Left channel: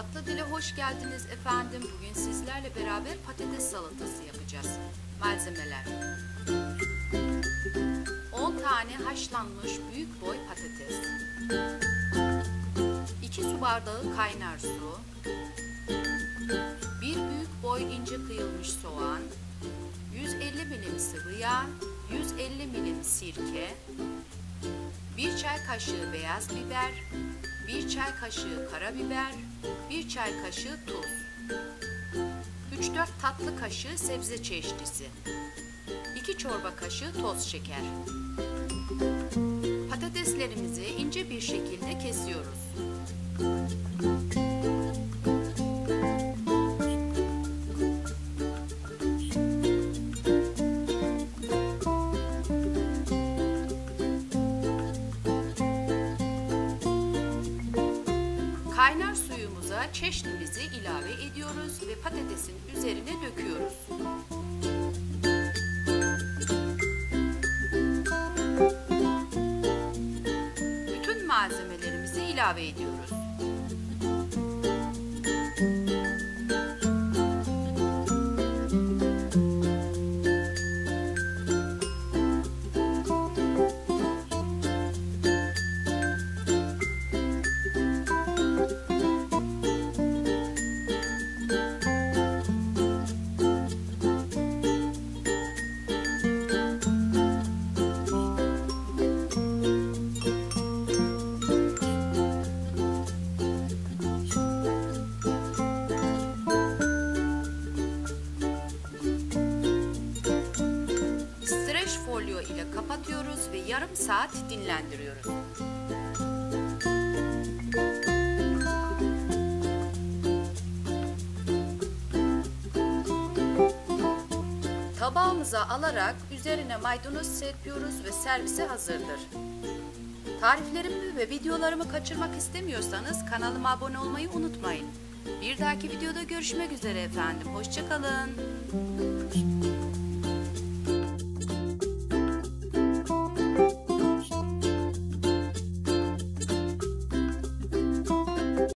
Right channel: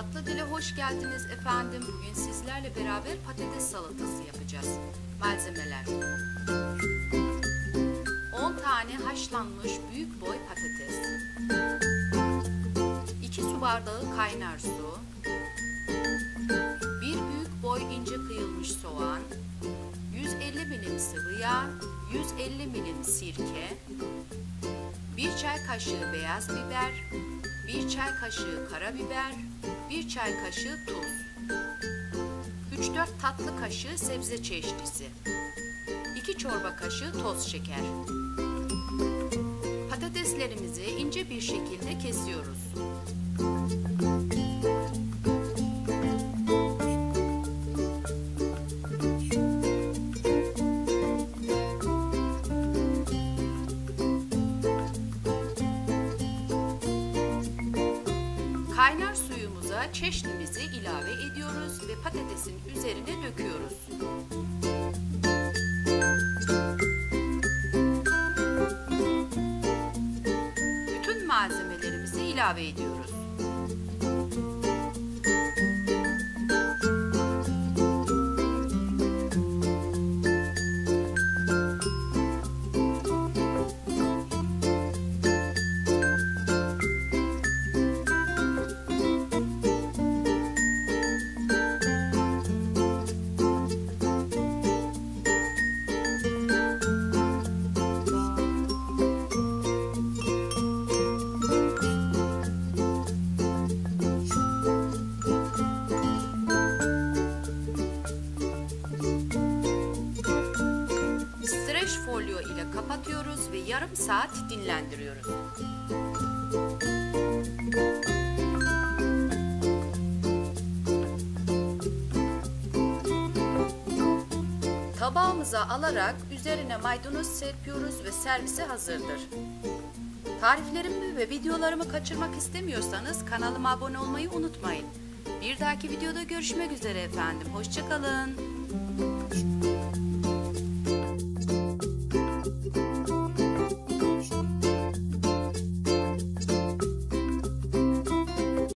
Tatlı Dile hoş geldiniz efendim. Bugün sizlerle beraber patates salatası yapacağız. Malzemeler: 10 tane haşlanmış büyük boy patates, 2 su bardağı kaynar su, 1 büyük boy ince kıyılmış soğan, 150 milim sıvı yağ, 150 milim sirke, 1 çay kaşığı beyaz biber, 1 çay kaşığı karabiber, 1 çay kaşığı tuz, 3-4 tatlı kaşığı sebze çeşnisi, 2 çorba kaşığı toz şeker. Patateslerimizi ince bir şekilde kesiyoruz. Kaynar suyumuza çeşnimizi ilave ediyoruz ve patatesin üzerine döküyoruz. Bütün malzemelerimizi ilave ediyoruz. Streç folyo ile kapatıyoruz ve yarım saat dinlendiriyoruz. Tabağımıza alarak üzerine maydanoz serpiyoruz ve servise hazırdır. Tariflerimi ve videolarımı kaçırmak istemiyorsanız kanalıma abone olmayı unutmayın. Bir dahaki videoda görüşmek üzere efendim. Hoşça kalın.